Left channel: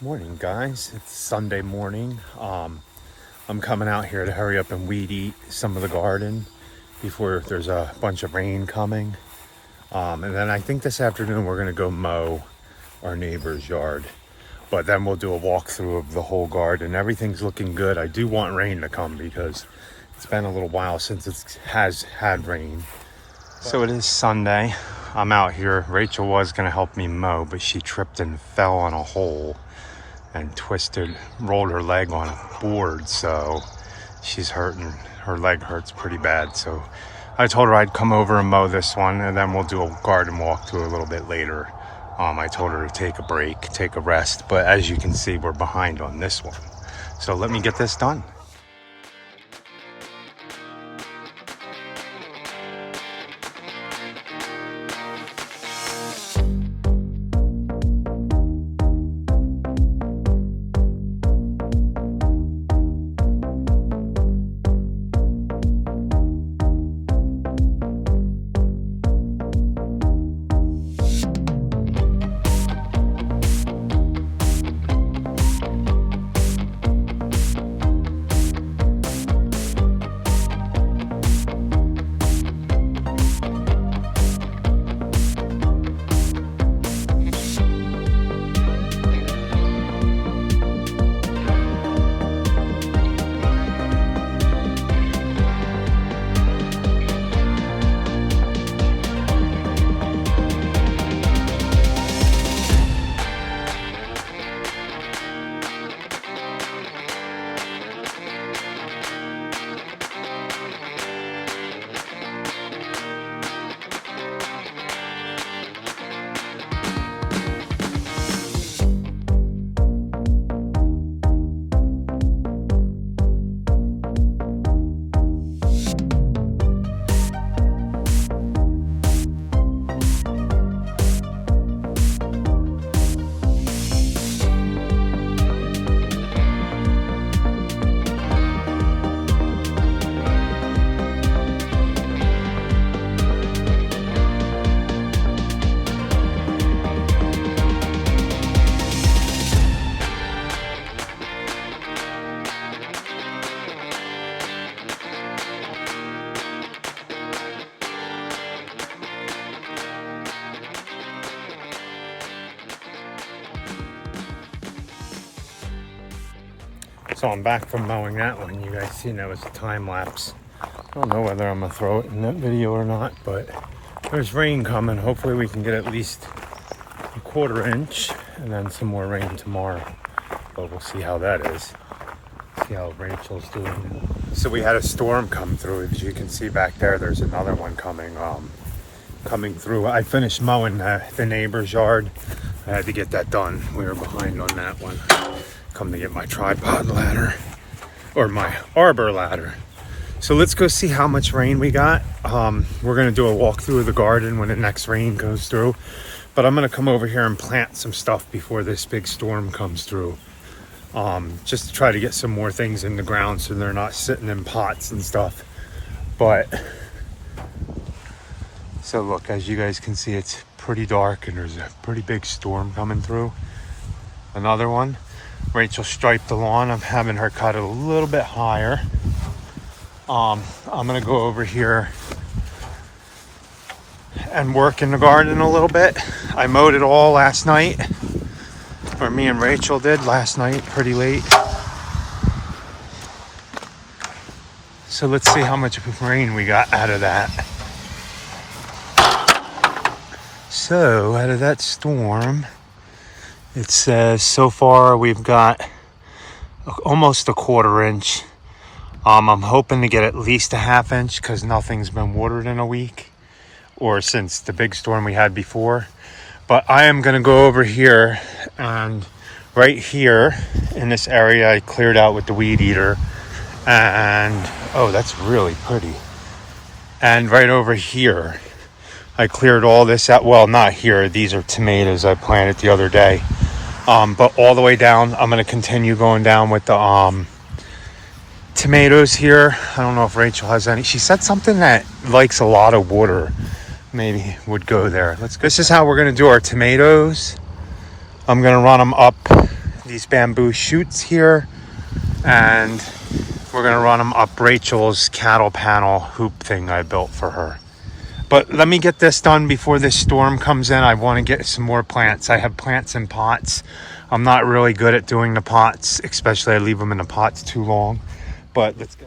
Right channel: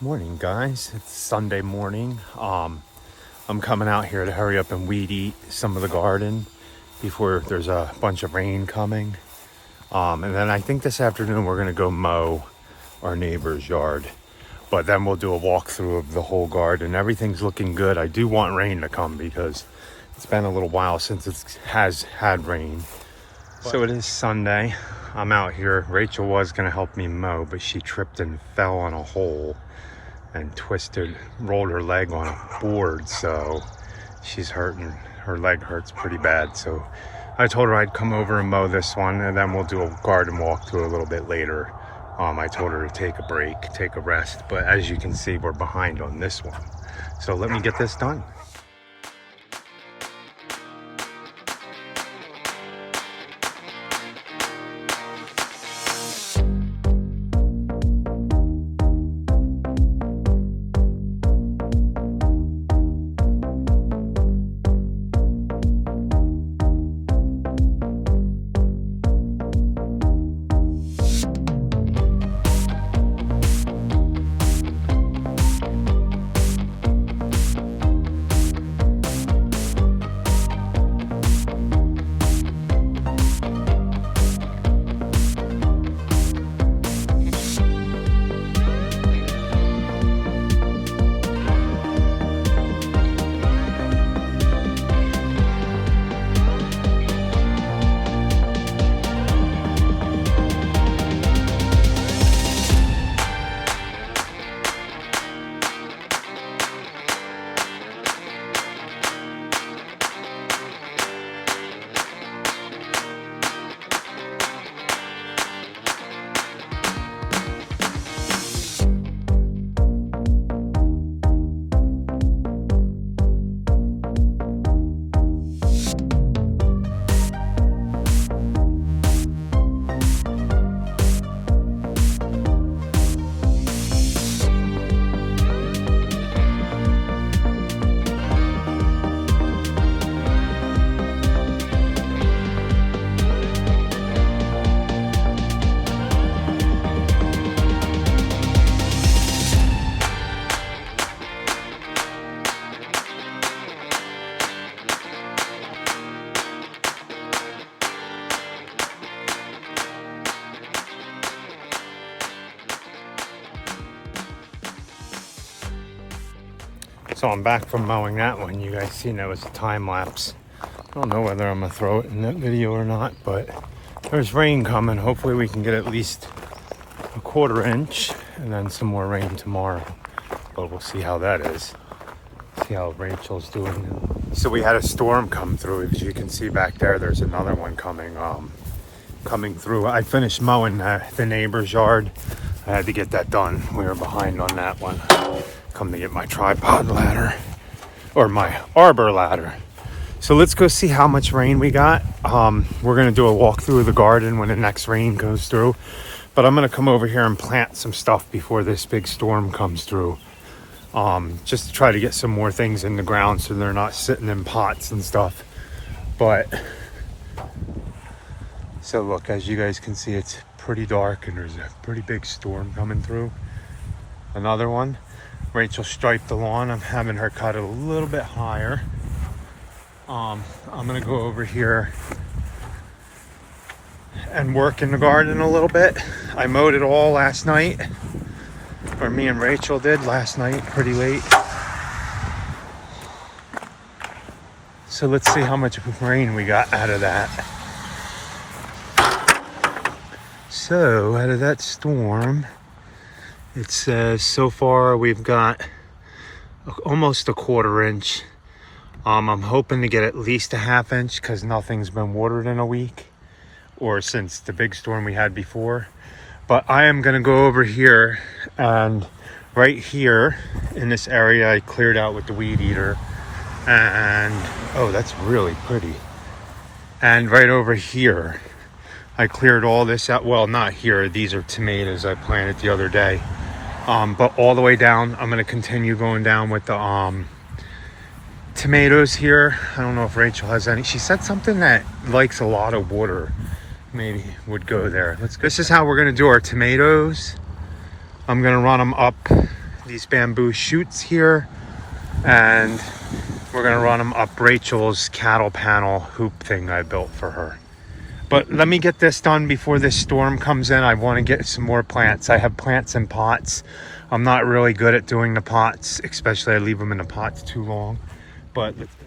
Morning, guys. It's Sunday morning. I'm coming out here to hurry up and weed eat some of the garden before there's a bunch of rain coming. And then I think this afternoon we're gonna go mow our neighbor's yard. But then we'll do a walkthrough of the whole garden. Everything's looking good. I do want rain to come because it's been a little while since it has had rain. So it is Sunday. I'm out here. Rachel was gonna help me mow, but she tripped and fell on a hole and rolled her leg on a board, so she's hurting. Her leg hurts pretty bad, so I told her I'd come over and mow this one, and then we'll do a garden walkthrough a little bit later. I told her to take a break, take a rest, but as you can see, we're behind on this one. So let me get this done. So I'm back from mowing that one. You guys seen that was a time lapse. I don't know whether I'm gonna throw it in that video or not, but there's rain coming. Hopefully we can get at least a 1/4 inch and then some more rain tomorrow. But we'll see how that is. See how Rachel's doing. So we had a storm come through. As you can see back there, there's another one coming through. I finished mowing the neighbor's yard. I had to get that done. We were behind on that one. Come to get my tripod ladder or my arbor ladder. So let's go see how much rain we got. We're gonna do a walkthrough of the garden when the next rain goes through, but I'm gonna come over here and plant some stuff before this big storm comes through, just to try to get some more things in the ground so they're not sitting in pots and stuff. But so look, as you guys can see, it's pretty dark and there's a pretty big storm coming through. Another one. Rachel striped the lawn. I'm having her cut it a little bit higher. I'm gonna go over here and work in the garden a little bit. I mowed it all last night, or me and Rachel did last night, pretty late. So let's see how much rain we got out of that. So out of that storm, it says so far we've got almost a 1/4 inch. I'm hoping to get at least a 1/2 inch because nothing's been watered in a week or since the big storm we had before. But I am going to go over here, and right here in this area I cleared out with the weed eater. And oh, that's really pretty. And right over here I cleared all this out. Well, not here. These are tomatoes I planted the other day. But all the way down, I'm going to continue going down with the tomatoes here. I don't know if Rachel has any. She said something that likes a lot of water. Maybe would go there. Let's go. This is how we're going to do our tomatoes. I'm going to run them up these bamboo shoots here, and we're gonna run them up Rachel's cattle panel hoop thing I built for her. But let me get this done before this storm comes in. I want to get some more plants. I have plants in pots. I'm not really good at doing the pots, especially I leave them in the pots too long. But let's go.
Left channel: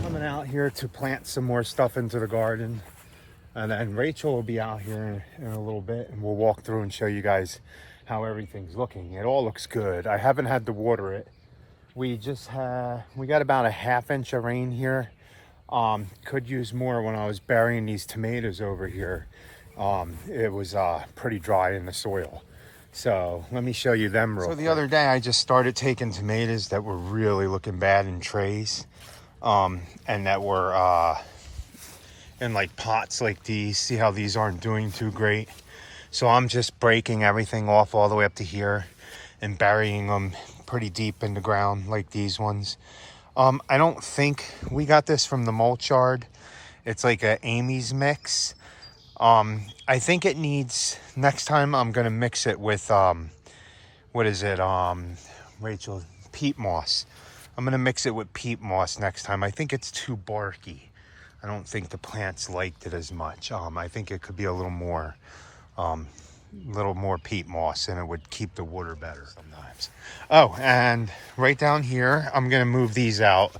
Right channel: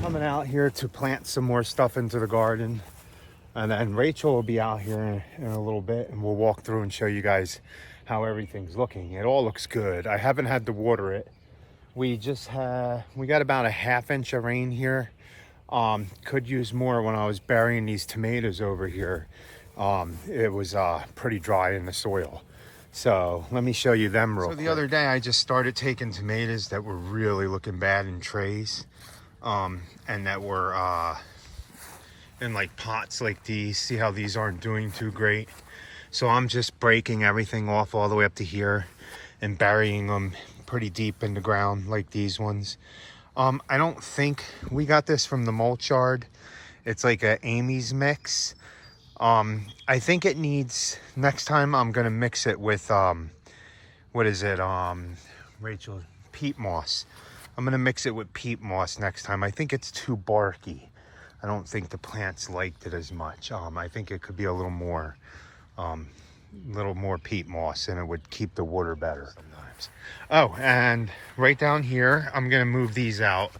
Coming out here to plant some more stuff into the garden, and then Rachel will be out here in a little bit, and we'll walk through and show you guys how everything's looking. It all looks good. I haven't had to water it. We got about a ½ inch of rain here. Could use more. When I was burying these tomatoes over here, it was pretty dry in the soil. So let me show you them real quick. The other day I just started taking tomatoes that were really looking bad in trays, and that were in like pots like these. See how these aren't doing too great? So I'm just breaking everything off all the way up to here and burying them pretty deep in the ground like these ones. I don't think we got this from the mulch yard. It's like a Amy's mix. I think it needs, next time I'm gonna mix it with what is it, Rachel, peat moss. I'm gonna mix it with peat moss next time. I think it's too barky. I don't think the plants liked it as much. I think it could be a little more peat moss, and it would keep the water better sometimes. Oh, and right down here, I'm gonna move these out.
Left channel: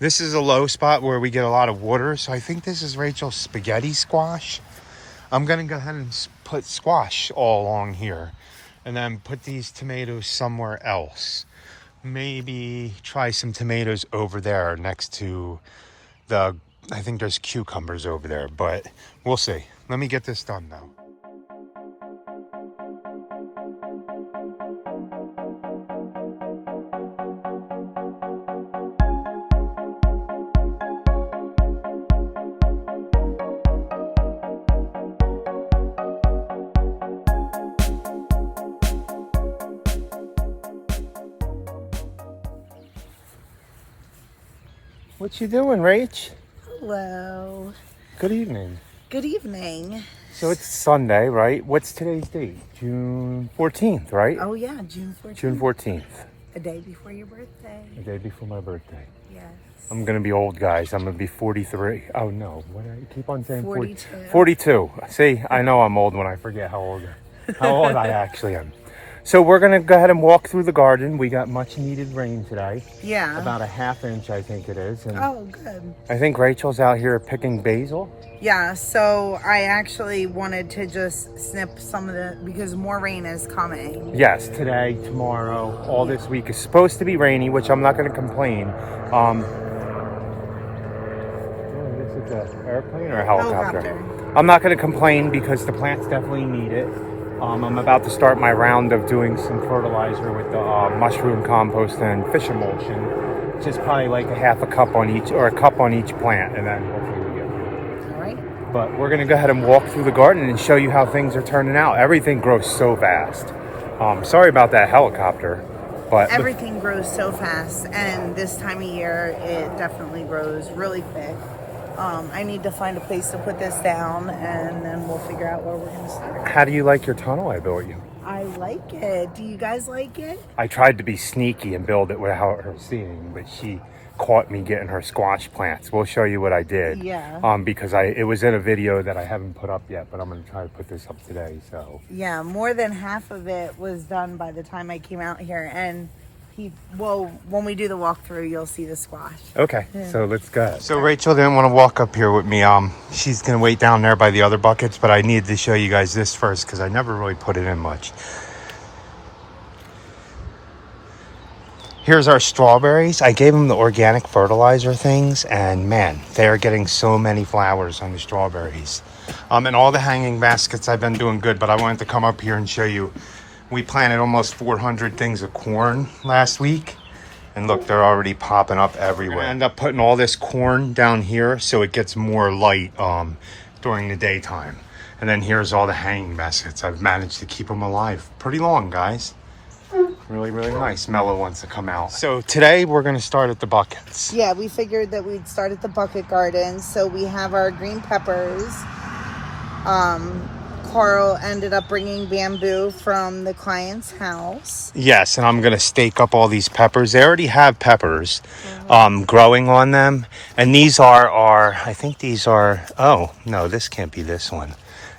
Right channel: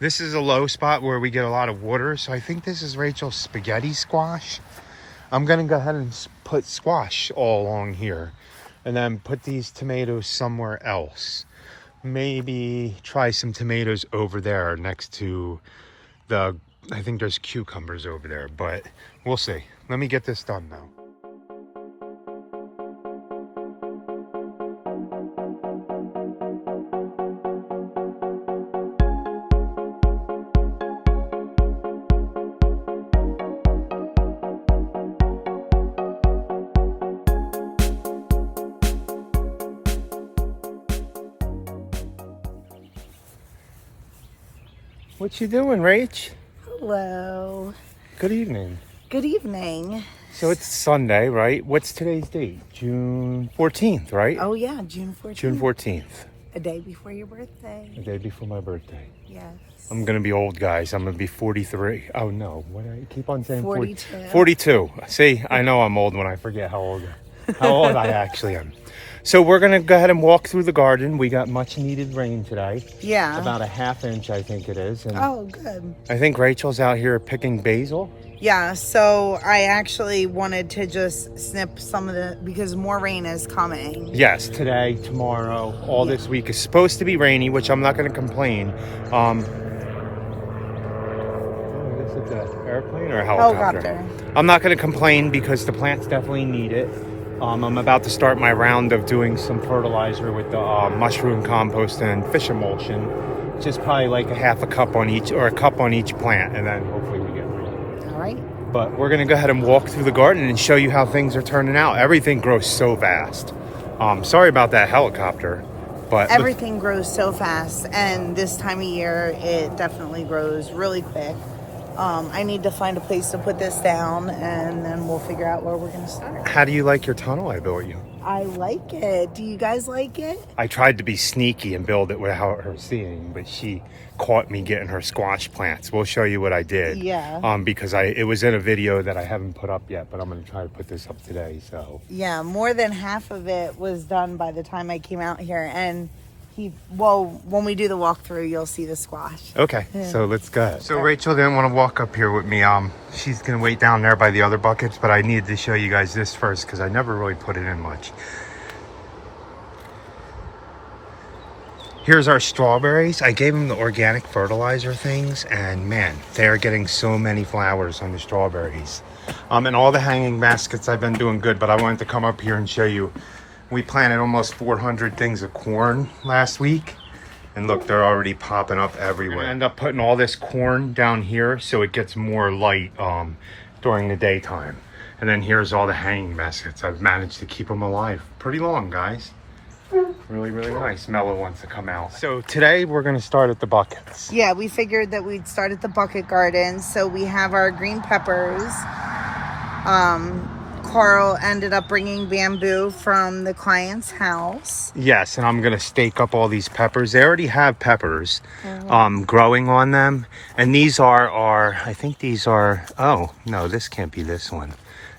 This is a low spot where we get a lot of water, so I think this is Rachel's spaghetti squash. I'm gonna go ahead and put squash all along here, and then put these tomatoes somewhere else. Maybe try some tomatoes over there next to I think there's cucumbers over there, but we'll see. Let me get this done though. What you doing, Rach? Hello. Good evening. Good evening. So it's Sunday, right? What's today's date? June 14th, right? Oh yeah, June 14th. June 14th. A day before your birthday. A day before my birthday. Yes. I'm gonna be old, guys. I'm gonna be 43. Oh no, what do I keep on saying? 42. 42. See, I know I'm old when I forget how old I actually am. So we're gonna go ahead and walk through the garden. We got much needed rain today. Yeah. About a ½ inch, I think it is. And oh, good. I think Rachel's out here picking basil. Yeah, so I actually wanted to just snip some of because more rain is coming. Yes, today, tomorrow, all this week is supposed to be rainy, which I'm not gonna complain. I guess it's an airplane or a helicopter. I'm not gonna complain because the plants definitely need it. I'm about to start my round of doing some fertilizer with the mushroom compost and fish emulsion. Just probably like a half a cup on each, or a cup on each plant, and then hopefully we get rain. All right. But we're gonna go ahead and walk through the garden and show you how things are turning out. Everything grows so fast. Sorry about that helicopter, but everything grows so fast, and this time of year it definitely grows really quick. I need to find a place to put this down, and then we'll figure out where we're going to start. How do you like your tunnel I built you? I like it. Do you guys like it? I tried to be sneaky and build it without her seeing, but she caught me getting her squash plants. We'll show you what I did. Yeah. Because it was in a video that I haven't put up yet, but I'm going to try to put this up today. So yeah, more than half of it was done by the time I came out here, and Well, when we do the walkthrough, you'll see the squash. Okay, so let's go. So Rachel didn't want to walk up here with me. She's gonna wait down there by the other buckets, but I needed to show you guys this first because I never really put it in much. Here's our strawberries. I gave them the organic fertilizer things, and man, they are getting so many flowers on the strawberries. And all the hanging baskets, I've been doing good, but I wanted to come up here and show you. We planted almost 400 things of corn last week. And look, they're already popping up everywhere. I end up putting all this corn down here so it gets more light during the daytime. And then here's all the hanging baskets. I've managed to keep them alive pretty long, guys. Really, really nice. Mellow wants to come out. So today we're going to start at the buckets. Yeah, we figured that we'd start at the bucket garden. So we have our green peppers. Carl ended up bringing bamboo from the client's house. Yes, and I'm going to stake up all these peppers. They already have peppers growing on them. And these are I think these are, oh, no, this can't be this one.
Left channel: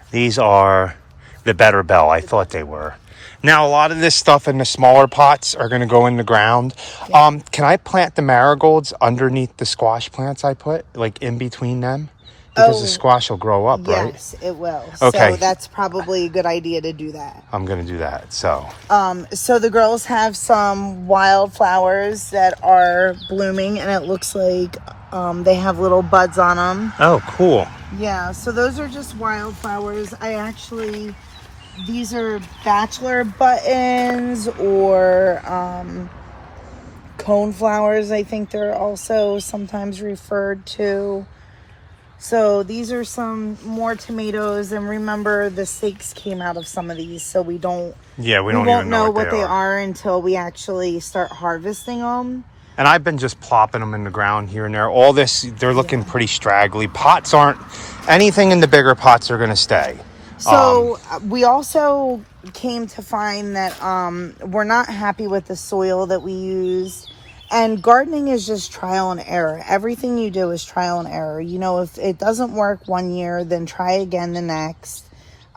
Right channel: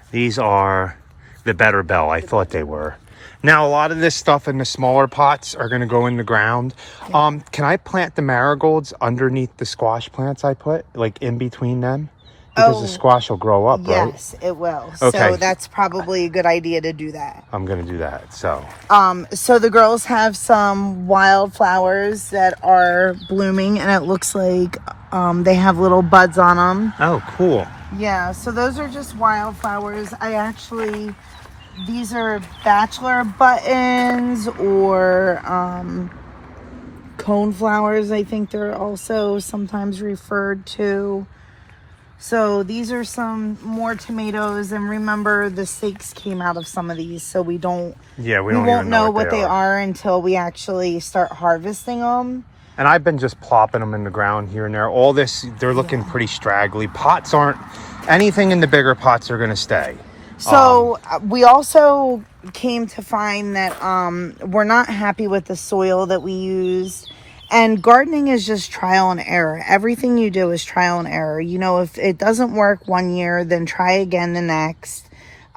These are the Better Bell. I thought they were. Now, a lot of this stuff in the smaller pots are going to go in the ground. Yeah. Can I plant the marigolds underneath the squash plants I put, like in between them? Because the squash will grow up, right? Yes, it will. Okay. So that's probably a good idea to do that. I'm going to do that, so. So the girls have some wildflowers that are blooming, and it looks like they have little buds on them. Oh, cool. Yeah, so those are just wildflowers. These are bachelor buttons or cone flowers, I think they're also sometimes referred to. So these are some more tomatoes, and remember the stakes came out of some of these, so we don't even know what they are until we actually start harvesting them. And I've been just plopping them in the ground here and there. All this, they're looking pretty straggly. Pots aren't, anything in the bigger pots are going to stay. So we also came to find that we're not happy with the soil that we used. And gardening is just trial and error. Everything you do is trial and error. You know, if it doesn't work one year, then try again the next.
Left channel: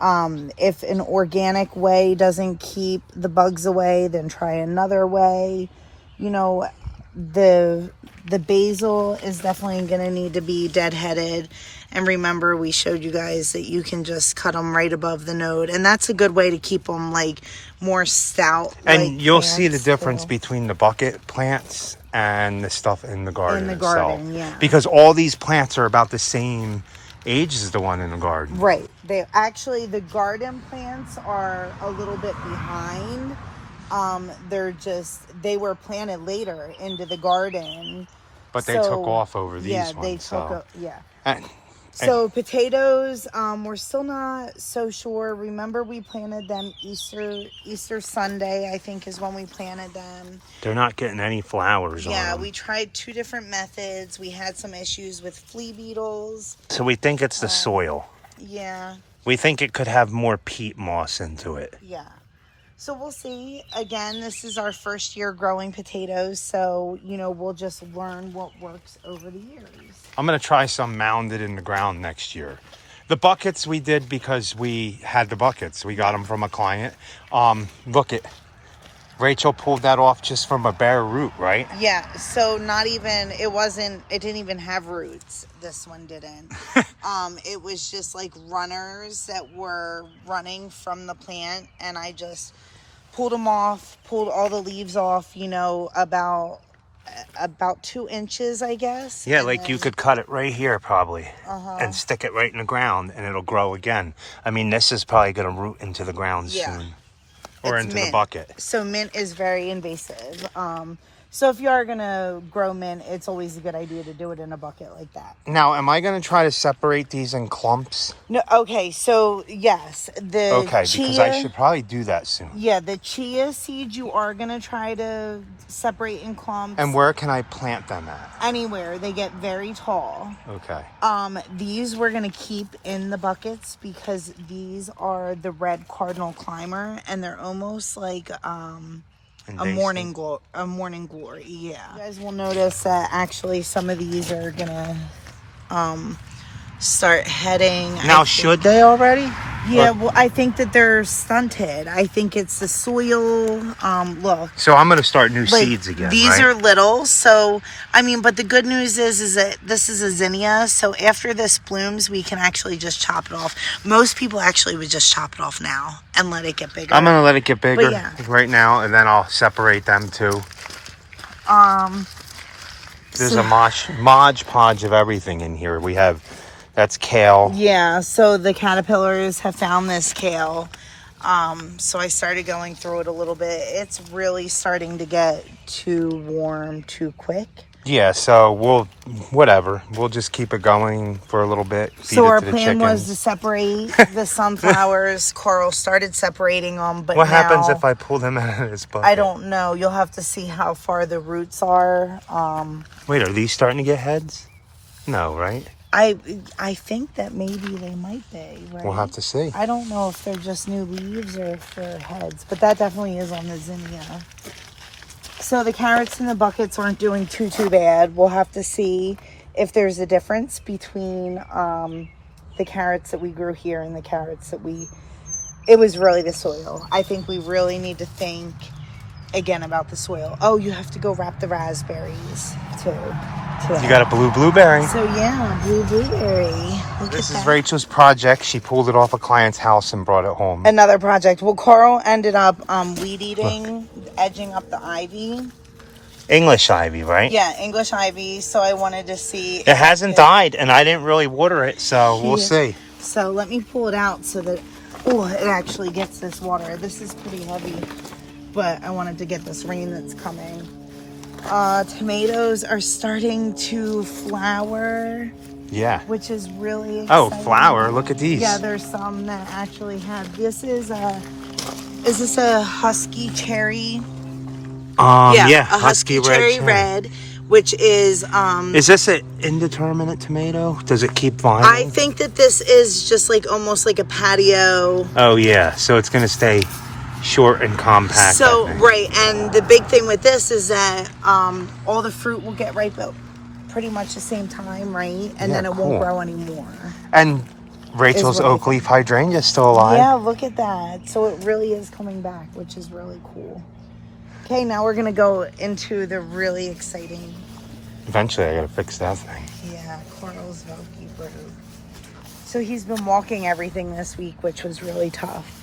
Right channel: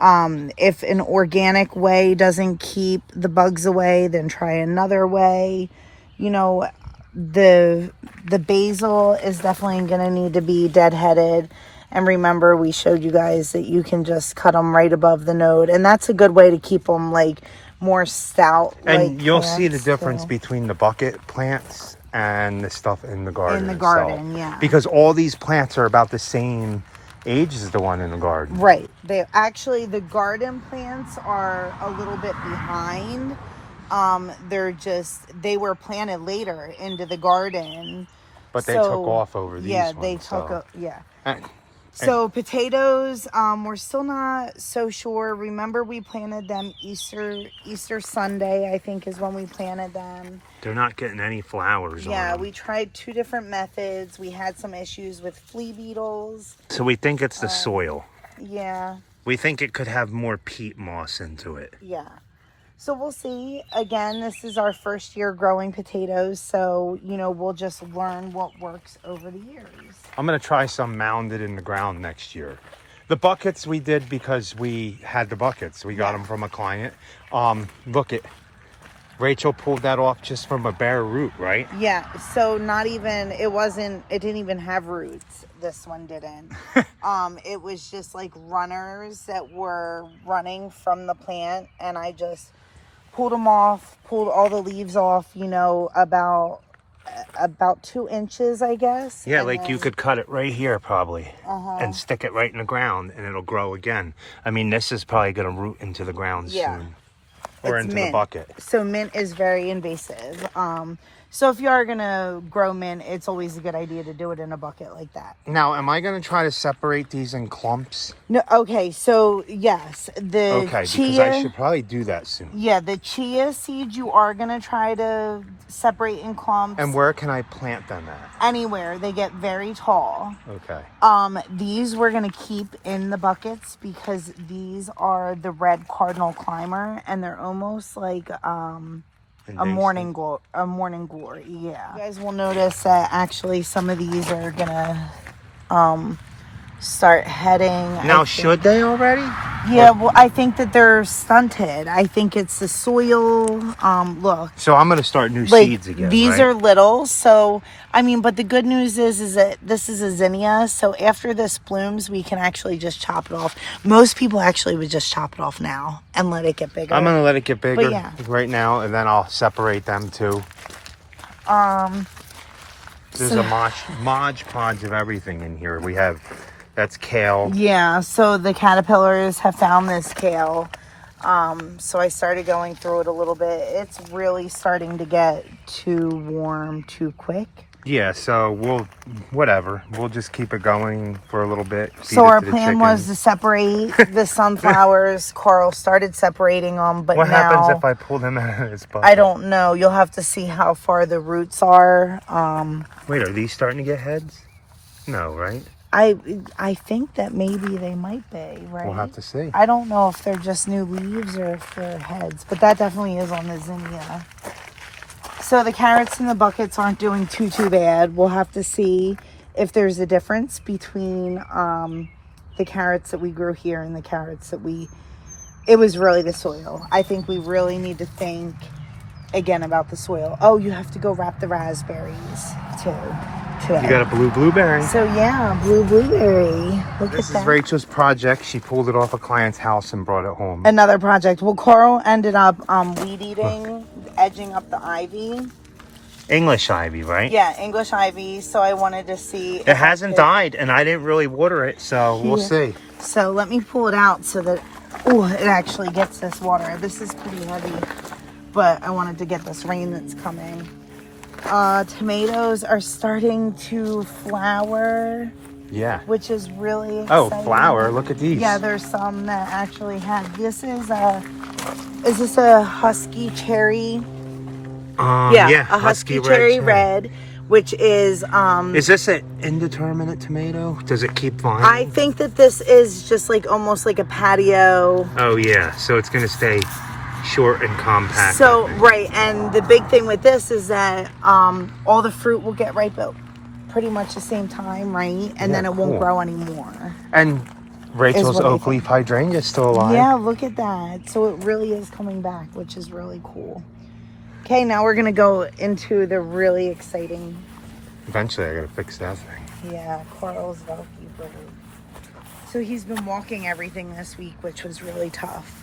If an organic way doesn't keep the bugs away, then try another way. You know, the basil is definitely going to need to be deadheaded. And remember, we showed you guys that you can just cut them right above the node. And that's a good way to keep them, like, more stout. And you'll see the difference between the bucket plants and the stuff in the garden itself. Yeah. Because all these plants are about the same age as the one in the garden. Right. The garden plants are a little bit behind. They were planted later into the garden. But they took off over these ones. So potatoes, we're still not so sure. Remember, we planted them Easter Sunday, I think is when we planted them. They're not getting any flowers on them. Yeah, we tried 2 different methods. We had some issues with flea beetles. So we think it's the soil. Yeah. We think it could have more peat moss into it. Yeah. So we'll see. Again, this is our first year growing potatoes, so, you know, we'll just learn what works over the years. I'm going to try some mounded in the ground next year. The buckets we did because we had the buckets. We got them from a client. Look, Rachel pulled that off just from a bare root, right? Yeah, so it didn't even have roots. This one didn't. It was just like runners that were running from the plant, and I just pulled them off, pulled all the leaves off, you know, about 2 inches, I guess. Yeah, like you could cut it right here probably and stick it right in the ground and it'll grow again. I mean, this is probably going to root into the ground soon. Or into the bucket. So mint is very invasive. So if you are going to grow mint, it's always a good idea to do it in a bucket like that. Now, am I going to try to separate these in clumps? No. Okay, so yes. Because I should probably do that soon. Yeah, the chia seeds you are going to try to separate in clumps. And where can I plant them at? Anywhere. They get very tall. Okay. These we're going to keep in the buckets because these are the red cardinal climber, and they're almost like a morning glory. Yeah, you guys will notice that actually some of these are gonna start heading. Now, should they already? Yeah, well, I think that they're stunted. I think it's the soil. Look, So I'm gonna start new like seeds again, these right? are little. So I mean, but the good news is that this is a zinnia. So after this blooms, we can actually just chop it off. Most people actually would just chop it off now and let it get bigger. I'm gonna let it get bigger yeah. right now, and then I'll separate them too. There's a Modge Podge of everything in here. We have, that's kale. Yeah, so the caterpillars have found this kale. So I started going through it a little bit. It's really starting to get too warm too quick. Yeah, so we'll just keep it going for a little bit. Feed So it our to the plan was chickens. to separate the sunflowers. Carl started separating them, but What now, happens if I pull them out of this bucket? I don't know. You'll have to see how far the roots are. Wait, are these starting to get heads? No, right? I think that maybe they might be, right? We'll have to see. I don't know if they're just new leaves or if they're heads, but that definitely is on the zinnia. So the carrots in the buckets aren't doing too bad. We'll have to see if there's a difference between the carrots that we grew here and the carrots that it was really the soil. I think we really need to think again about the soil. Oh, you have to go wrap the raspberries too. You got a blue blueberry. So yeah, blue blueberry. Look This at is that. Rachel's project. She pulled it off a client's house and brought it home. Another project. Well, Carl ended up weed eating, edging up the ivy. English ivy, right? Yeah, English ivy. So I wanted to see. It hasn't died, and I didn't really water it, so we'll see. So let me pull it out so that it actually gets this water. This is pretty heavy, but I wanted to get this rain that's coming. Tomatoes are starting to flower. Yeah. Which is really exciting. Oh, flower! Look at these. Yeah, there's some that actually have. This is this a husky cherry? Yeah, a husky cherry red, which is Is this an indeterminate tomato? Does it keep vining? I think that this is just like almost like a patio. Oh yeah, so it's gonna stay short and compact. So right, and the big thing with this is that all the fruit will get ripe at pretty much the same time, right? And then it won't grow anymore. And Rachel's oak leaf hydrangea is still alive. Yeah, look at that. So it really is coming back, which is really cool. Okay, now we're gonna go into the really exciting. Eventually, I gotta fix that thing. Yeah, Carl's Velky bird. So he's been walking everything this week, which was really tough.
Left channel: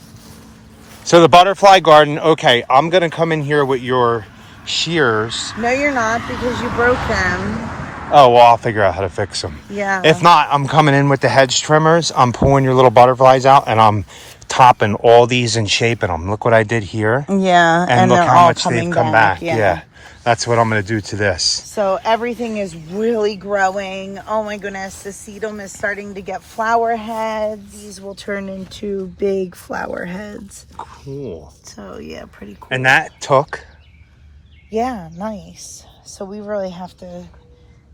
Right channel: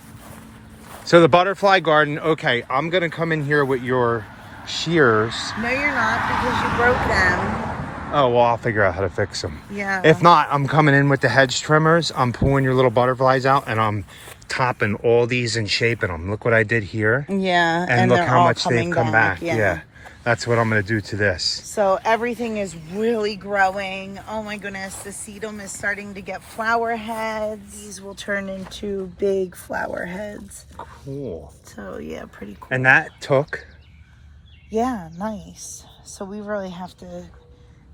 So the butterfly garden. Okay, I'm gonna come in here with your shears. No, you're not, because you broke them. Oh, well, I'll figure out how to fix them. Yeah. If not, I'm coming in with the hedge trimmers. I'm pulling your little butterflies out, and I'm topping all these and shaping them. Look what I did here. Yeah. And look how much they've come back. Yeah. That's what I'm going to do to this. So everything is really growing. Oh my goodness. The sedum is starting to get flower heads. These will turn into big flower heads. Cool. So yeah, pretty cool. And that took? Yeah, nice. So we really have to,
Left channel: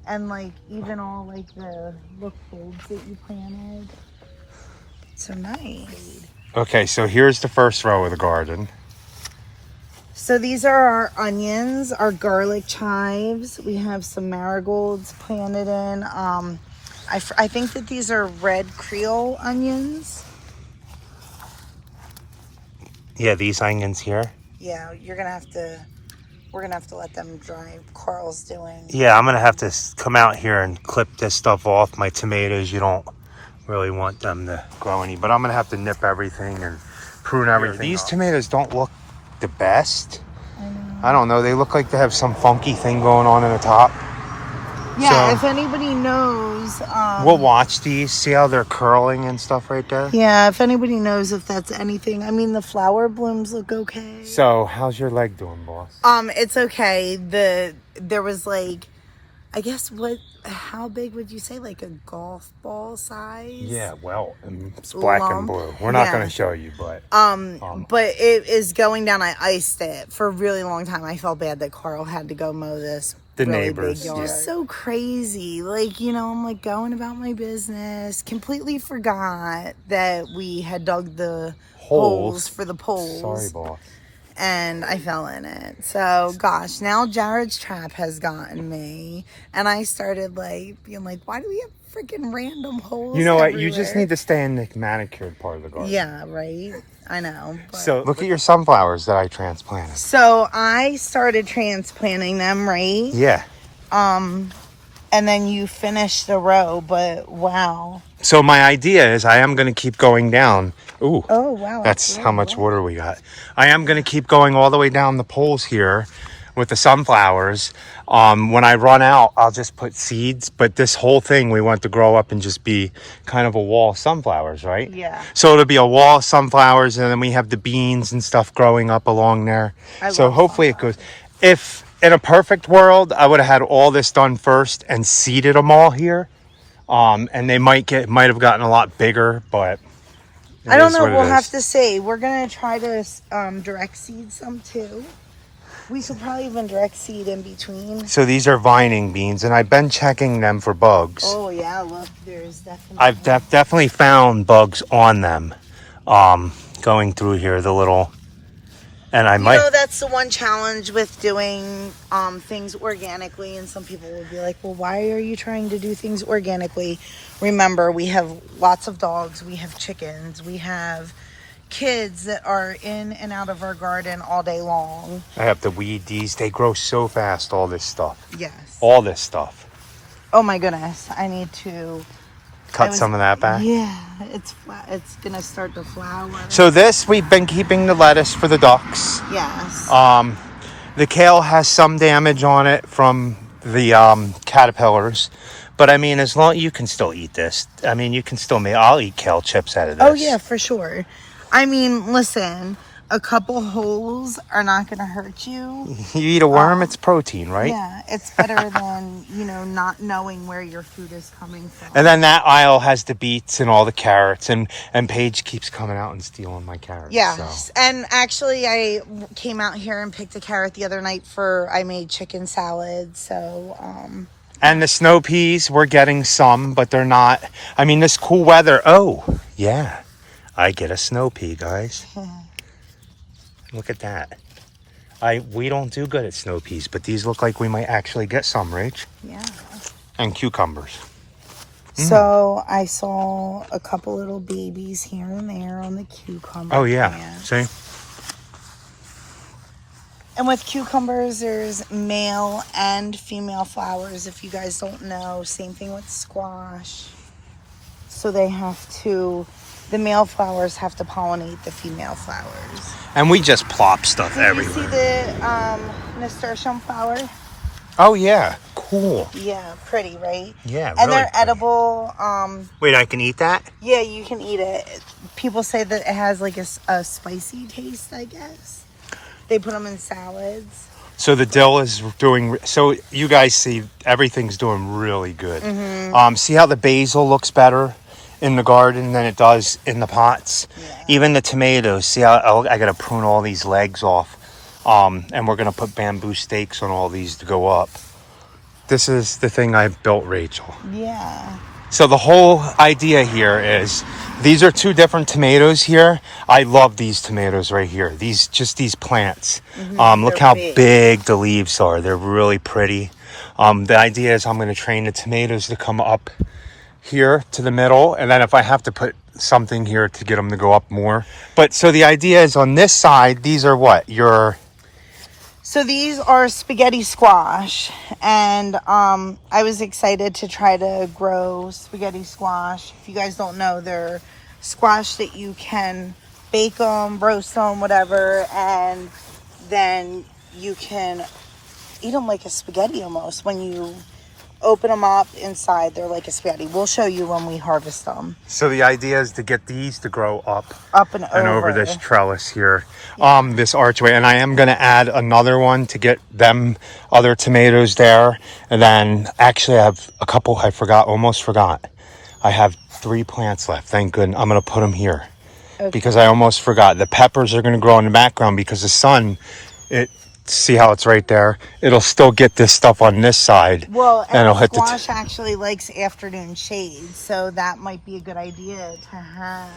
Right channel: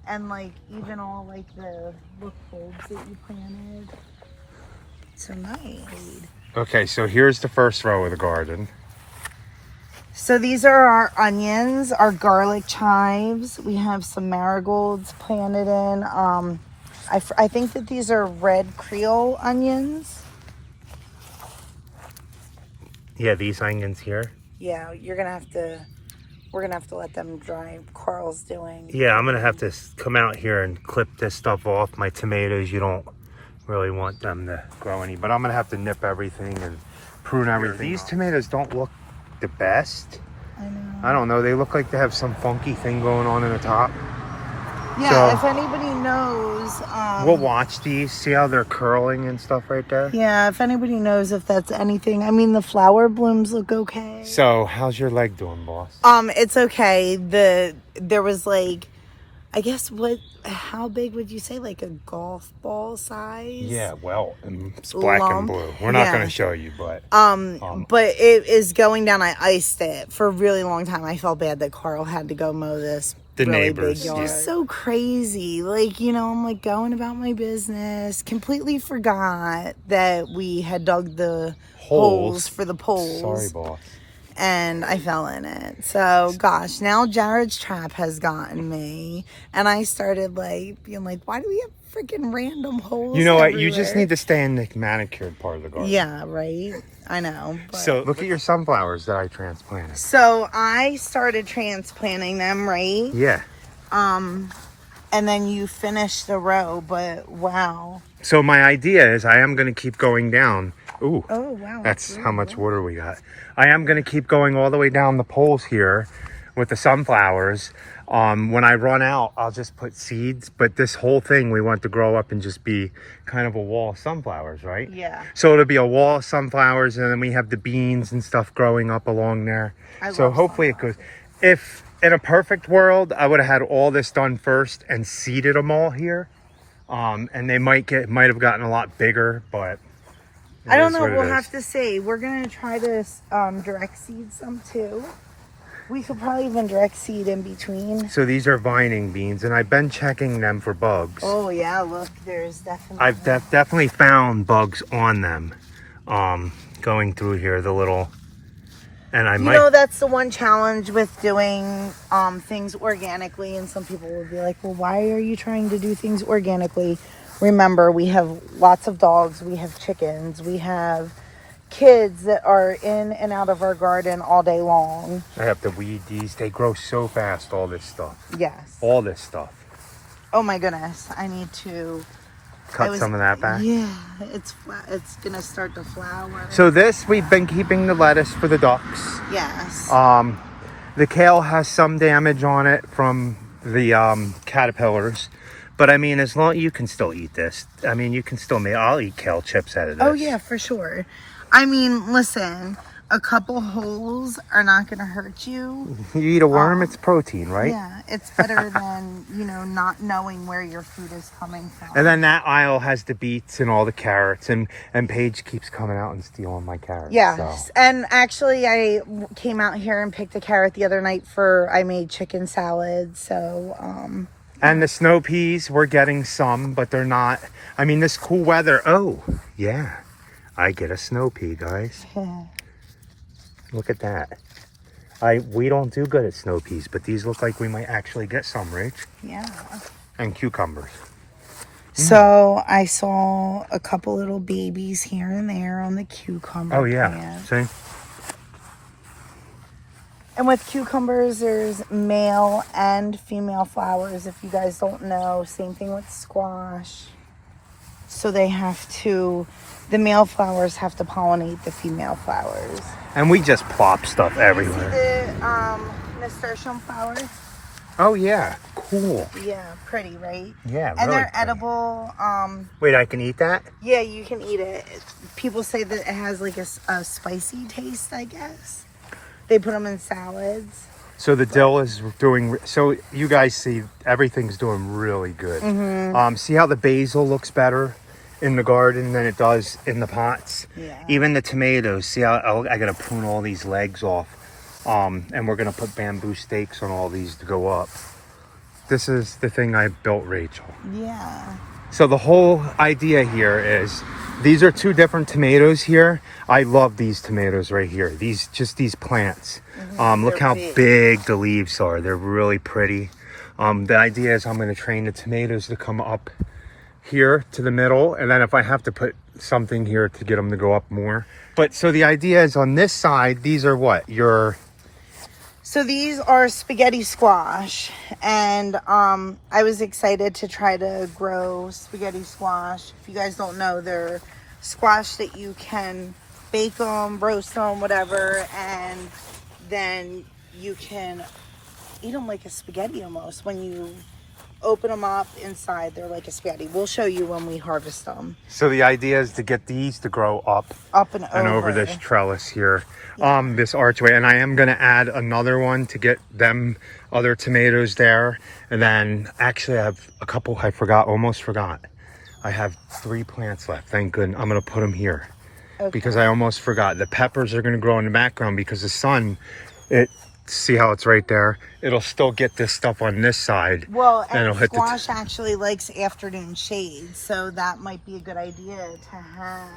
and like even all like the figs that you planted. So nice. Okay, so here's the first row of the garden. So these are our onions, our garlic chives. We have some marigolds planted in. I think that these are red Creole onions. Yeah, these onions here. Yeah, we're gonna have to let them dry. Carl's doing. Yeah, I'm gonna have to come out here and clip this stuff off. My tomatoes, you don't really want them to grow any, but I'm gonna have to nip everything and prune everything. These tomatoes don't look the best. I know. I don't know. They look like they have some funky thing going on in the top. Yeah, so, if anybody knows, we'll watch these. See how they're curling and stuff right there. Yeah, if anybody knows if that's anything. I mean, the flower blooms look okay. So, how's your leg doing, boss? It's okay. There was like, I guess how big would you say? Like a golf ball size? Yeah, well, it's black and blue. We're not going to show you, but. But it is going down. I iced it for a really long time. I felt bad that Carl had to go mow this. The really neighbors. Big yard. It's so crazy. Like, I'm like going about my business. Completely forgot that we had dug the holes for the poles. Sorry, boss. And I fell in it. So, gosh, now Jared's trap has gotten me. And I started like being like, why do we have freaking random holes. You know what? everywhere. You just need to stay in the manicured part of the garden. Yeah, right. I know. But. So look at your sunflowers that I transplanted. So I started transplanting them, right? Yeah. And then you finished the row, but wow. So my idea is I am going to keep going down. Ooh. Oh, wow. That's how much water we got. I am going to keep going all the way down the poles here with the sunflowers. When I run out, I'll just put seeds. But this whole thing we want to grow up and just be kind of a wall of sunflowers, right? Yeah. So it'll be a wall of sunflowers, and then we have the beans and stuff growing up along there. So hopefully it goes. If in a perfect world, I would have had all this done first and seeded them all here. And they might have gotten a lot bigger, but I don't know. We'll have to see. We're gonna try to direct seed some too. We could probably even direct seed in between. So these are vining beans, and I've been checking them for bugs. Oh yeah, look, there's definitely. I've definitely found bugs on them. Going through here, the little, and I might. You know, that's the one challenge with doing things organically, and some people will be like, "Well, why are you trying to do things organically?" Remember, we have lots of dogs, we have chickens, we have kids that are in and out of our garden all day long. I have to weed these. They grow so fast, all this stuff. Yes. All this stuff. Oh my goodness. I need to cut some of that back. Yeah, it's flat. It's going to start to flower. So this, we've been keeping the lettuce for the ducks. Yes. The kale has some damage on it from the caterpillars. But I mean, as long you can still eat this. I mean, you can still make. I'll eat kale chips out of this. Oh yeah, for sure. I mean, listen, a couple holes are not going to hurt you. You eat a worm, it's protein, right? Yeah, it's better than, not knowing where your food is coming from. And then that aisle has the beets and all the carrots, and Paige keeps coming out and stealing my carrots. Yeah, so. And actually I came out here and picked a carrot the other night I made chicken salad, so... And the snow peas, we're getting some, but they're not... I mean, this cool weather... Oh, yeah. I get a snow pea, guys. Look at that. We don't do good at snow peas, but these look like we might actually get some, Rach. Yeah. And cucumbers. So I saw a couple little babies here and there on the cucumber Oh, yeah. plants. See? And with cucumbers, there's male and female flowers. If you guys don't know, same thing with squash. So the male flowers have to pollinate the female flowers. And we just plop stuff everywhere. You see the nasturtium flower? Oh, yeah. Cool. Yeah, pretty, right? Yeah, and really they're pretty. edible. Wait, I can eat that? Yeah, you can eat it. People say that it has like a spicy taste, I guess. They put them in salads. So the dill is doing... So you guys see, everything's doing really good. Mm-hmm. See how the basil looks better in the garden than it does in the pots? Yeah. Even the tomatoes. See how I got to prune all these legs off. And we're going to put bamboo stakes on all these to go up. This is the thing I built, Rachel. Yeah. So the whole idea here is, these are two different tomatoes here. I love these tomatoes right here. These plants. Look how big the leaves are. They're really pretty. The idea is I'm going to train the tomatoes to come up here to the middle. And then if I have to put something here to get them to go up more. But so the idea is on this side, these are what? So these are spaghetti squash, and I was excited to try to grow spaghetti squash. If you guys don't know, they're squash that you can bake them, roast them, whatever, and then you can eat them like a spaghetti almost. When you open them up inside, they're like a spaghetti. We'll show you when we harvest them. So the idea is to get these to grow up and over this trellis here, this archway. And I am going to add another one to get them other tomatoes there. And then actually I have a couple, almost forgot. I have 3 plants left. Thank goodness. I'm going to put them here because I almost forgot. The peppers are going to grow in the background because the sun, see how it's right there? It'll still get this stuff on this side. Well, and it'll hit squash actually likes afternoon shade, so that might be a good idea to have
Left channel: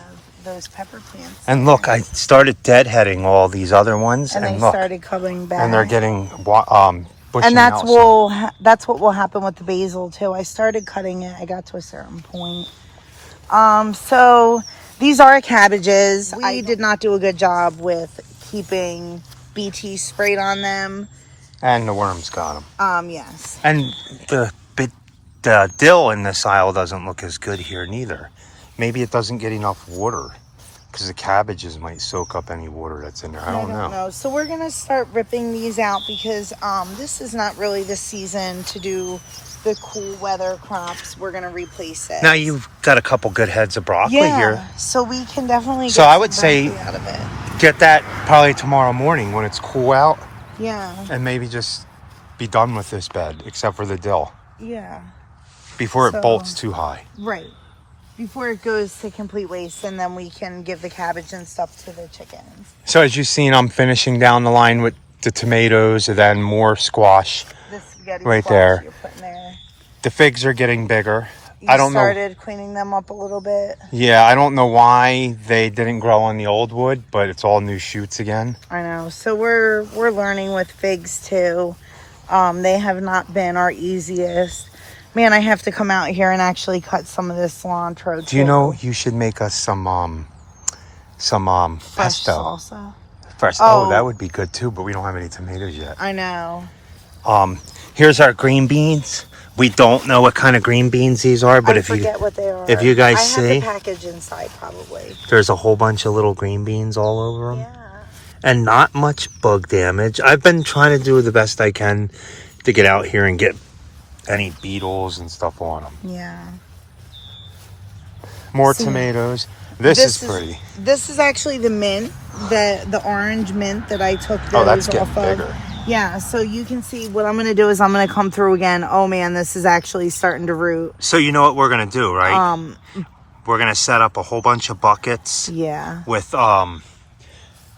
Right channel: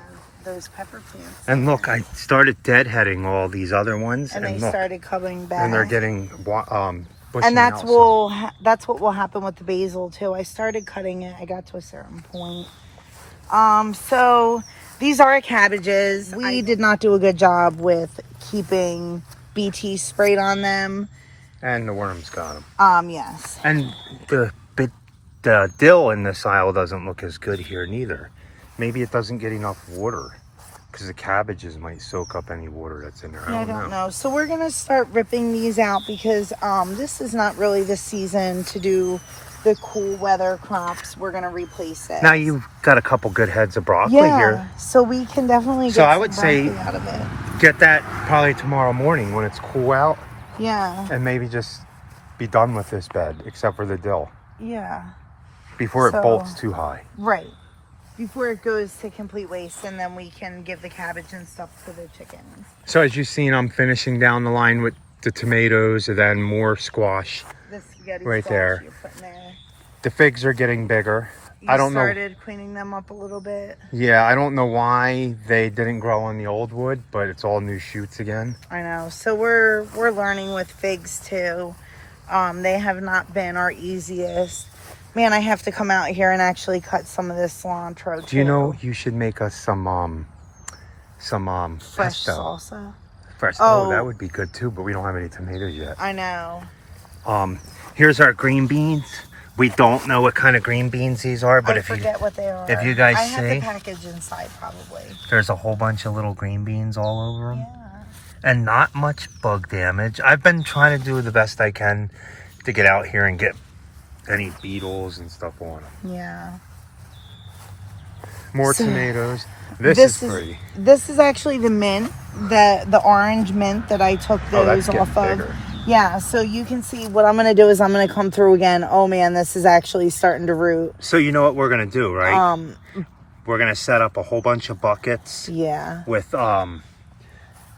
those pepper plants. And look, I started deadheading all these other ones, and they look, started coming back. and they're getting bushing And out some. that's what will happen with the basil too. I started cutting it. I got to a certain point. So these are cabbages. We did not do a good job with keeping BT sprayed on them. And the worms got them. Yes. And the dill in this aisle doesn't look as good here neither. Maybe it doesn't get enough water because the cabbages might soak up any water that's in there. I don't know. So we're gonna start ripping these out because this is not really the season to do the cool weather crops. We're gonna replace it. Now you've got a couple good heads of broccoli here. So we can definitely. So get I would some say broccoli out of it. get that probably tomorrow morning when it's cool out. Yeah. And maybe just be done with this bed, except for the dill. Yeah. Before it bolts too high. Right. Before it goes to complete waste, and then we can give the cabbage and stuff to the chickens. So as you've seen, I'm finishing down the line with the tomatoes and then more squash The spaghetti right squash there. you're putting there. The figs are getting bigger. You I don't know. started cleaning them up a little bit. Yeah, I don't know why they didn't grow on the old wood, but it's all new shoots again. I know. So we're learning with figs too. They have not been our easiest. Man, I have to come out here and actually cut some of this cilantro. Do you know you should make us some Fresh pesto? salsa? Fresh. Oh, that would be good too, but we don't have any tomatoes yet. I know. Here's our green beans. We don't know what kind of green beans these are, but I forget what they are. if you guys I see, have the package inside probably. there's a whole bunch of little green beans all over them. Yeah. And not much bug damage. I've been trying to do the best I can to get out here and get any beetles and stuff on them. Yeah. More tomatoes. This is pretty. This is actually the mint, the orange mint that I took those that's getting off of. bigger. Yeah, so you can see what I'm going to do is I'm going to come through again. Oh man, this is actually starting to root. So you know what we're going to do, right? We're going to set up a whole bunch of buckets. Yeah. With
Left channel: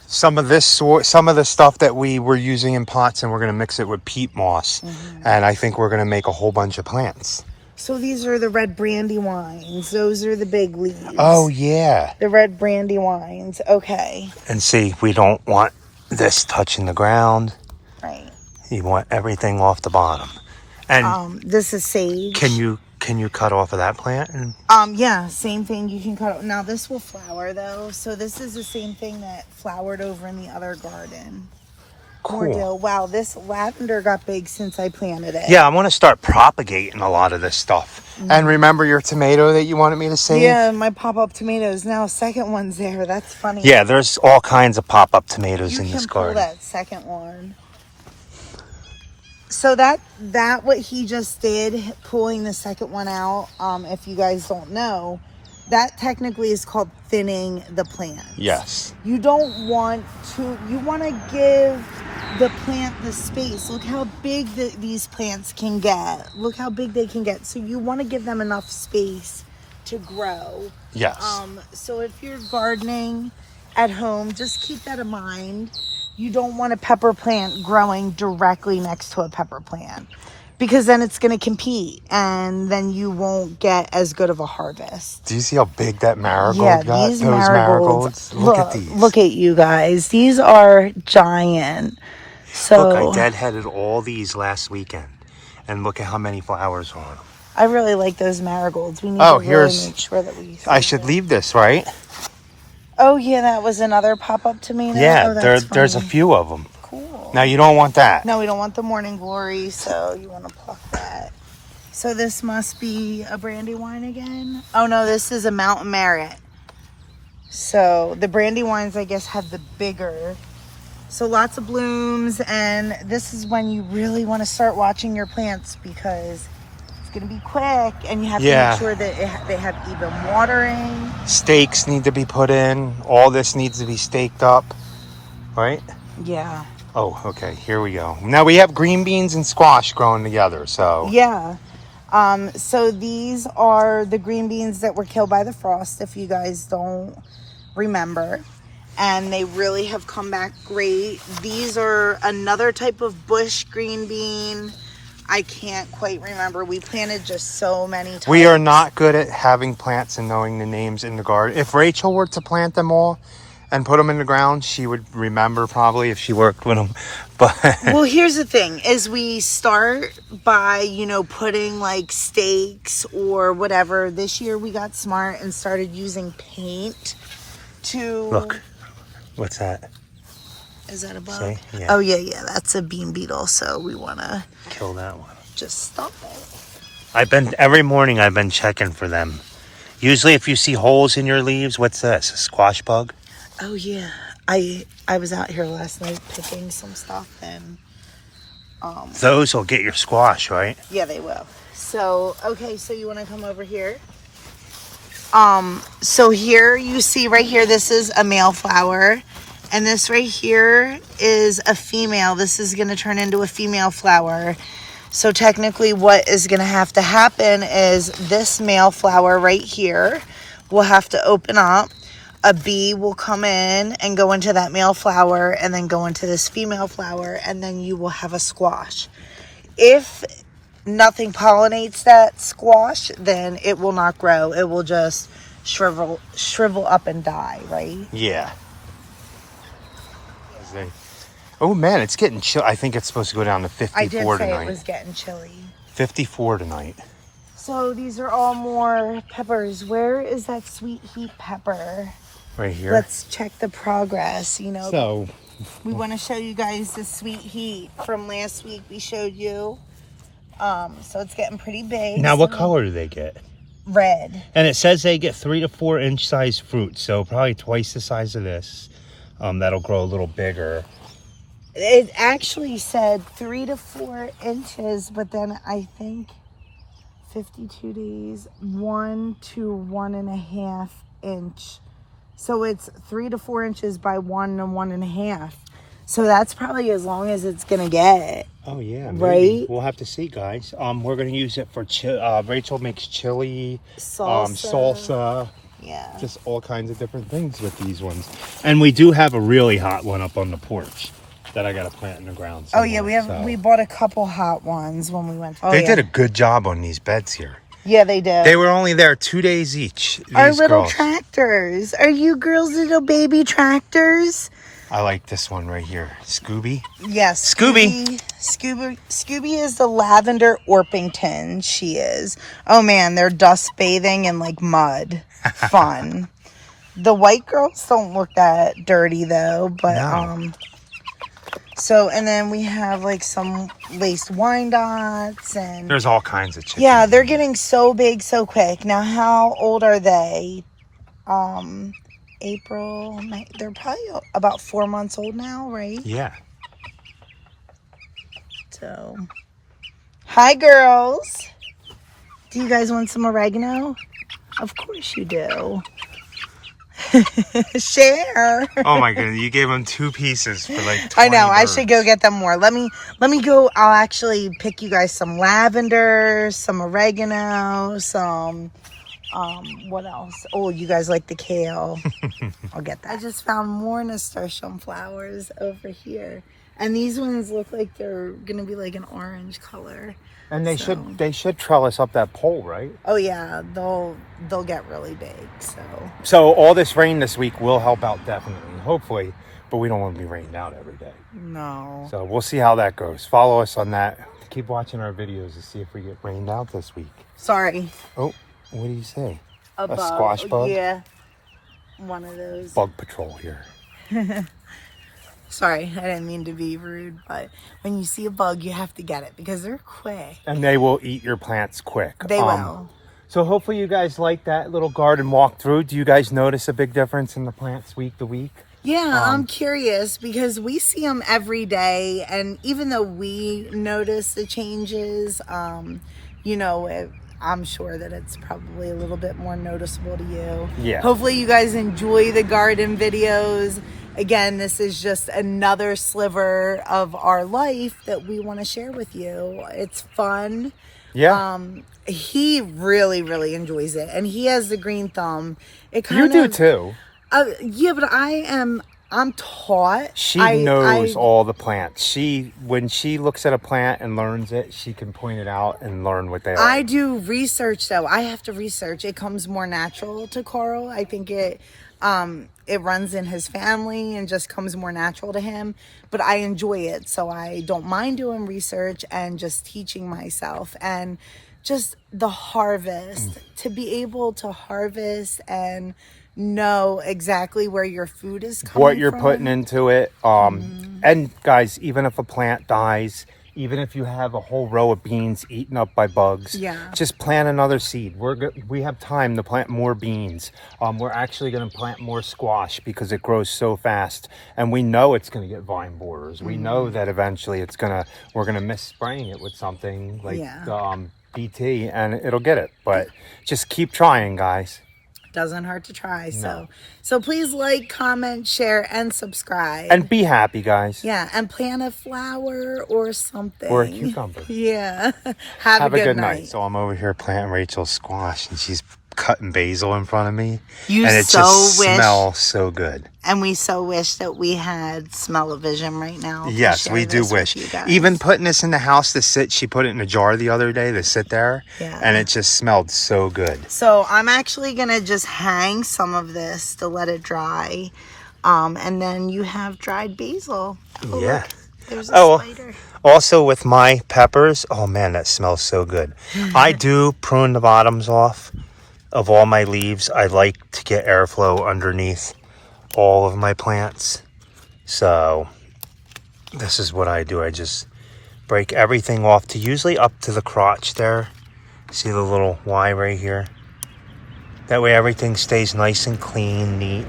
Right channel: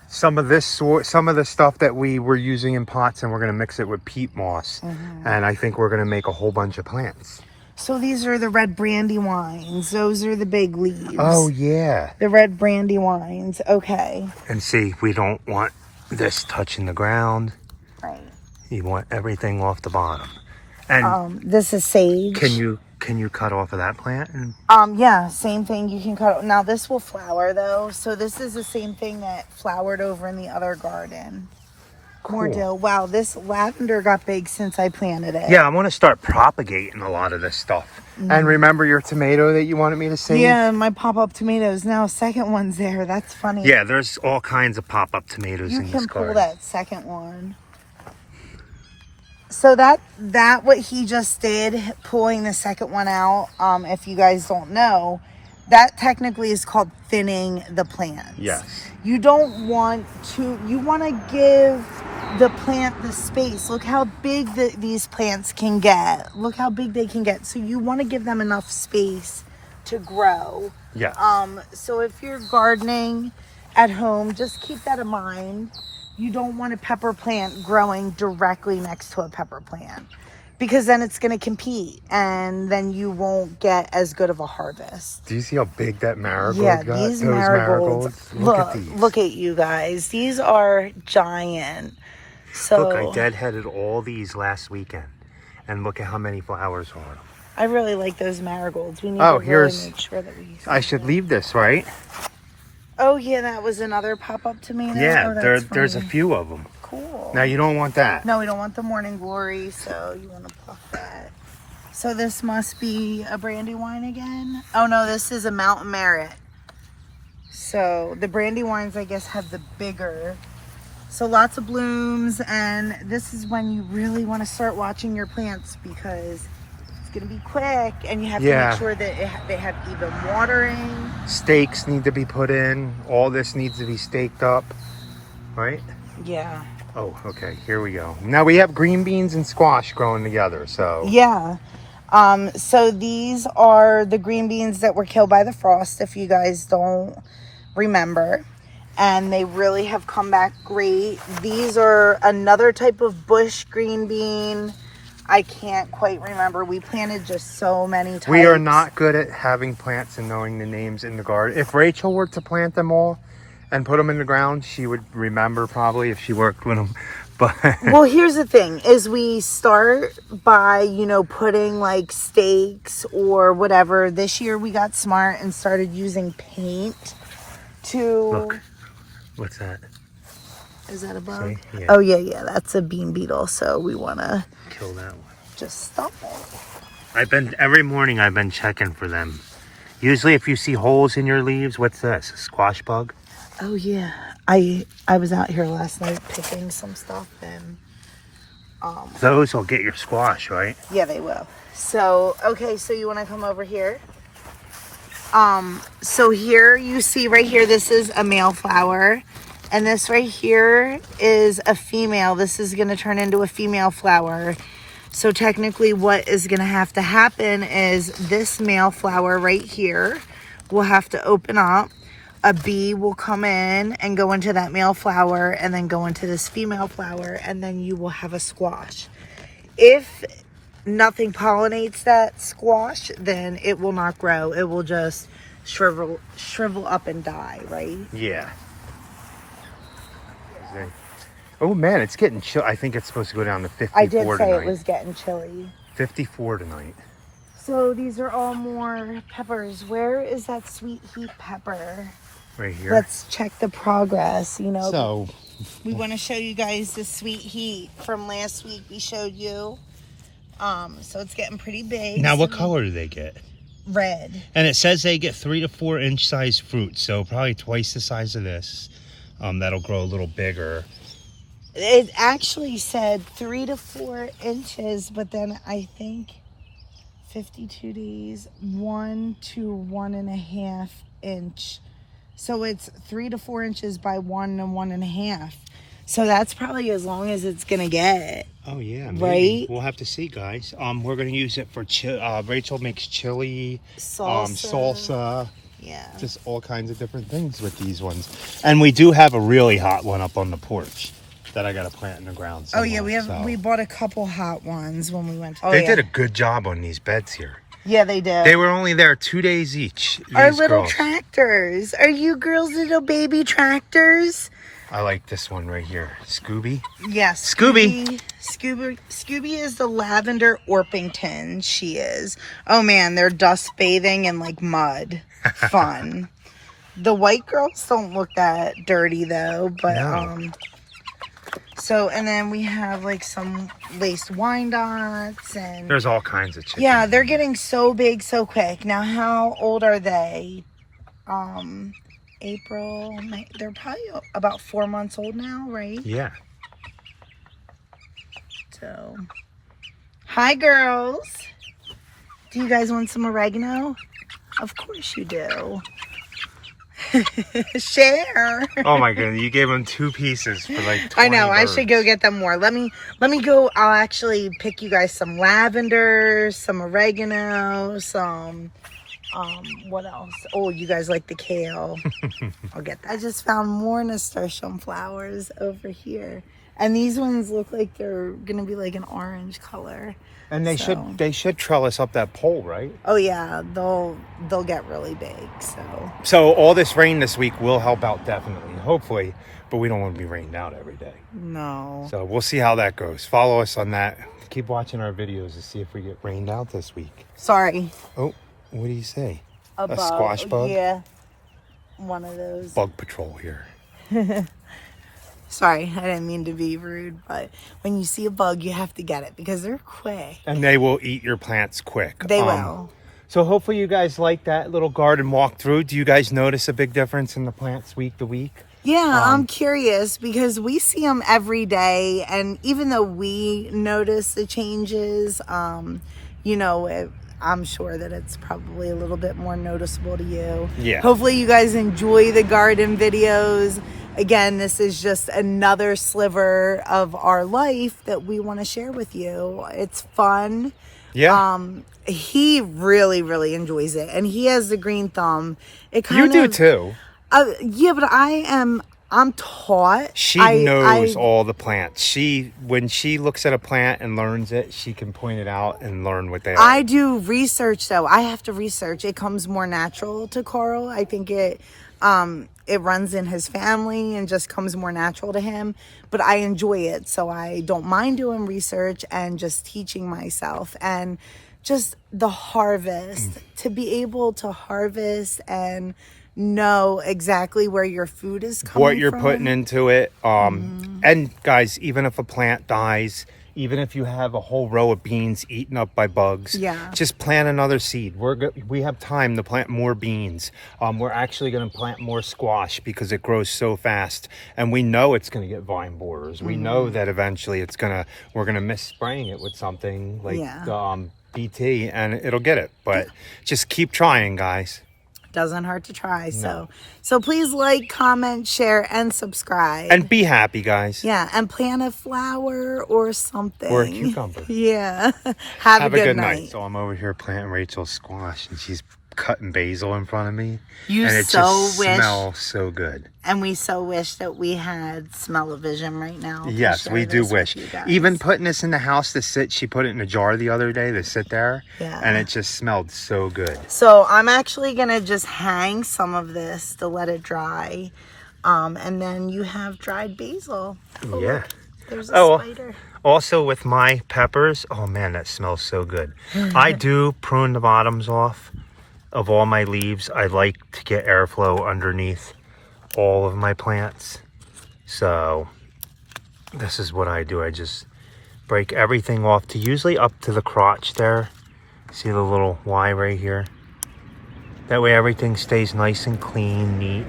some of the stuff that we were using in pots, and we're going to mix it with peat moss. And I think we're going to make a whole bunch of plants. So these are the red brandy wines. Those are the big leaves. Oh yeah. The red brandy wines. Okay. And see, we don't want this touching the ground. Right. You want everything off the bottom. And this is sage. can you cut off of that plant? And yeah, same thing. You can cut. Now this will flower though. So this is the same thing that flowered over in the other garden. cool. Wow, this lavender got big since I planted it. Yeah, I want to start propagating a lot of this stuff. And remember your tomato that you wanted me to save? Yeah, my pop-up tomatoes. Now second one's there. That's funny. Yeah, there's all kinds of pop-up tomatoes in this pull garden. that second one. So that what he just did, pulling the second one out, if you guys don't know, that technically is called thinning the plant. Yes. You don't want to, you want to give the plant the space. Look how big these plants can get. Look how big they can get. So you want to give them enough space to grow. Yes. So if you're gardening at home, just keep that in mind. You don't want a pepper plant growing directly next to a pepper plant, because then it's going to compete and then you won't get as good of a harvest. Do you see how big that marigold got? These Those marigolds. Look at these. Look at you guys. These are giant. So Look, I deadheaded all these last weekend. And look at how many flowers are on them. I really like those marigolds. We need to really make sure that we... I should leave this, right? Oh, yeah, that was another pop-up tomato. Yeah, oh, there's a few of them. Cool. Now, you don't want that. No, we don't want the morning glory, so you want to pluck that. So this must be a brandy wine again. Oh, no, this is a Mountain Merit. So the brandy wines, I guess, have the bigger... So lots of blooms, and this is when you really want to start watching your plants, because it's going to be quick, and you have to make sure that they have even watering. Stakes need to be put in. All this needs to be staked up, right? Yeah. Oh, okay. Here we go. Now we have green beans and squash growing together, so. Yeah. So these are the green beans that were killed by the frost, if you guys don't remember. And they really have come back great. These are another type of bush green bean. I can't quite remember. We planted just so many types. We are not good at having plants and knowing the names in the garden. If Rachel were to plant them all and put them in the ground, she would remember probably if she worked with them. But well, here's the thing: is we start by putting like stakes or whatever. This year we got smart and started using paint to look, what's that? Is that a bug? See? Yeah. Oh yeah, that's a bean beetle. So we want to kill that one. Just stop it. Every morning I've been checking for them. Usually if you see holes in your leaves, what's this? A squash bug? Oh yeah. I was out here last night picking some stuff and those will get your squash, right? Yeah, they will. So, okay, so you want to come over here? So here you see right here, this is a male flower. And this right here is a female. This is going to turn into a female flower. So technically what is going to have to happen is this male flower right here will have to open up. A bee will come in and go into that male flower and then go into this female flower, and then you will have a squash. If nothing pollinates that squash, then it will not grow. It will just shrivel up and die, right? Yeah. Oh man, it's getting chill. I think it's supposed to go down to 54 I did say tonight. It was getting chilly. 54 tonight. So these are all more peppers. Where is that sweet heat pepper? Right here. Let's check the progress, So we want to show you guys the sweet heat from last week. We showed you. So it's getting pretty big. now what color do they get? Red. And it says they get 3 to 4 inch size fruit, so probably twice the size of this. That'll grow a little bigger. It actually said 3 to 4 inches, but then I think 52 days, 1 to 1.5 inch. So it's 3 to 4 inches by 1 to 1.5. So that's probably as long as it's gonna get. Oh yeah, maybe. Right? We'll have to see, guys. We're gonna use it for Rachel makes chili, Salsa. salsa. Yeah. Just all kinds of different things with these ones. And we do have a really hot one up on the porch that I got to plant in the ground somewhere. Oh yeah, we bought a couple hot ones when we went to. They did a good job on these beds here. Yeah, they did. They were only there 2 days each. Our These little girls. tractors. Are you girls little baby tractors? I like this one right here. Scooby. Yes. Scooby. Scooby is the lavender Orpington. She is. Oh man, they're dust bathing in like mud. Fun. The white girls don't look that dirty though, but No. So, and then we have like some laced Wyandottes and There's all kinds of chickens. yeah, they're getting so big so quick. Now, how old are they? April, May, they're probably about 4 months old now, right? Yeah. So, hi girls. Do you guys want some oregano? Of course you do. Share. Oh my goodness, you gave them 2 pieces for like 20 I know. birds. I should go get them more. Let me go. I'll actually pick you guys some lavender, some oregano, some what else? Oh, you guys like the kale. I'll get that. I just found more nasturtium flowers over here. And these ones look like they're gonna be like an orange color. And they should trellis up that pole, right? Oh yeah, they'll get really big. So all this rain this week will help out definitely, hopefully, but we don't want to be rained out every day. No. So we'll see how that goes. Follow us on that. Keep watching our videos to see if we get rained out this week. Sorry. Oh, what do you say? A bug. Squash bug? Yeah. One of those. Bug patrol here. Sorry, I didn't mean to be rude, but when you see a bug, you have to get it because they're quick. And they will eat your plants quick. They will. So hopefully you guys like that little garden walkthrough. Do you guys notice a big difference in the plants week to week? Yeah, I'm curious because we see them every day. And even though we notice the changes, I'm sure that it's probably a little bit more noticeable to you. Yeah. Hopefully you guys enjoy the garden videos. Again, this is just another sliver of our life that we want to share with you. It's fun. Yeah. He really, really enjoys it. And he has the green thumb. You do too. Yeah, but I'm taught. She knows all the plants. When she looks at a plant and learns it, she can point it out and learn what they are. I do research though. I have to research. It comes more natural to Carl. I think it runs in his family and just comes more natural to him. But I enjoy it, so I don't mind doing research and just teaching myself. And just the harvest, to be able to harvest and know exactly where your food is coming what you're from. putting into it. And guys, even if a plant dies, even if you have a whole row of beans eaten up by bugs, just plant another seed. We have time to plant more beans. We're actually going to plant more squash because it grows so fast, and we know it's going to get vine borers. We know that eventually we're going to miss spraying it with something like BT, and it'll get it. But just keep trying, guys. Doesn't hurt to try. So please like, comment, share, and subscribe. And be happy, guys. Yeah, and plant a flower or something. Or a cucumber. Yeah. Have a good night. So I'm over here planting Rachel's squash, and she's cutting basil in front of me. And it just smells so good. And we so wish that we had smell-o-vision right now. Yes, we do wish. Even putting this in the house to sit, she put it in a jar the other day to sit there. Yeah. And it just smelled so good. So I'm actually going to just hang some of this to let it dry. And then you have dried basil. Oh, yeah. Look, there's a spider. Also with my peppers, oh man, that smells so good. I do prune the bottoms off of all my leaves. I like to get airflow underneath all of my plants. So this is what I do. I just break everything off to usually up to the crotch there. See the little Y right here? That way everything stays nice and clean, neat.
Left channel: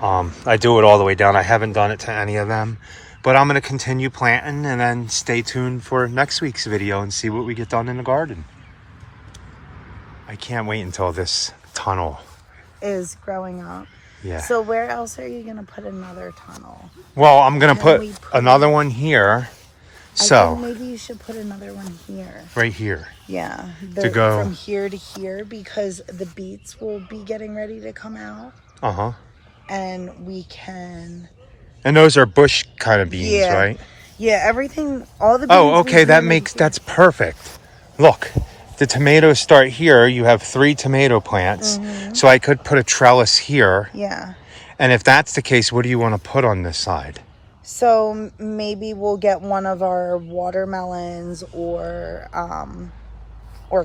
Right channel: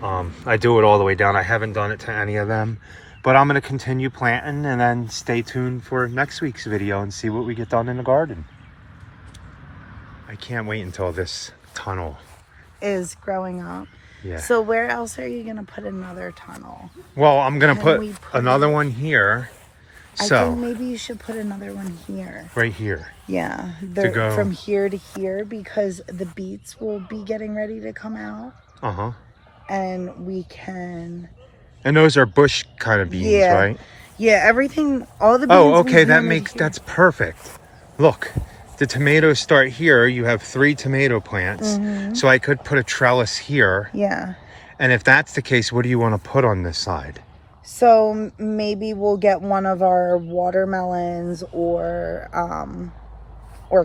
I do it all the way down. I haven't done it to any of them, but I'm going to continue planting, and then stay tuned for next week's video and see what we get done in the garden. I can't wait until this tunnel is growing up. Yeah. So where else are you going to put another tunnel? Well, I'm going to put another one here. So maybe you should put another one here. Right here. Yeah. To go from here to here, because the beets will be getting ready to come out. Uh-huh. And we can... And those are bush kind of beans, right? Yeah, everything, all the beans... Oh, okay, that's perfect. Look, the tomatoes start here. You have 3 tomato plants. So I could put a trellis here. Yeah. And if that's the case, what do you want to put on this side? So maybe we'll get one of our watermelons or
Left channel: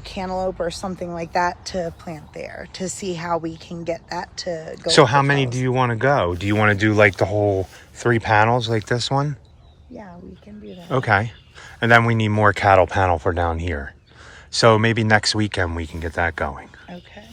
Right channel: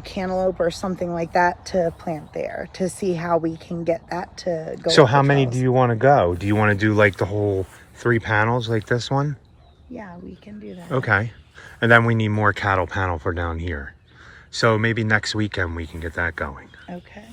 cantaloupe or something like that to plant there, to see how we can get that to go. So how many do you want to go? Do you want to do like the whole 3 panels like this one? Yeah, we can do that. Okay. And then we need more cattle panel for down here. So maybe next weekend we can get that going. Okay.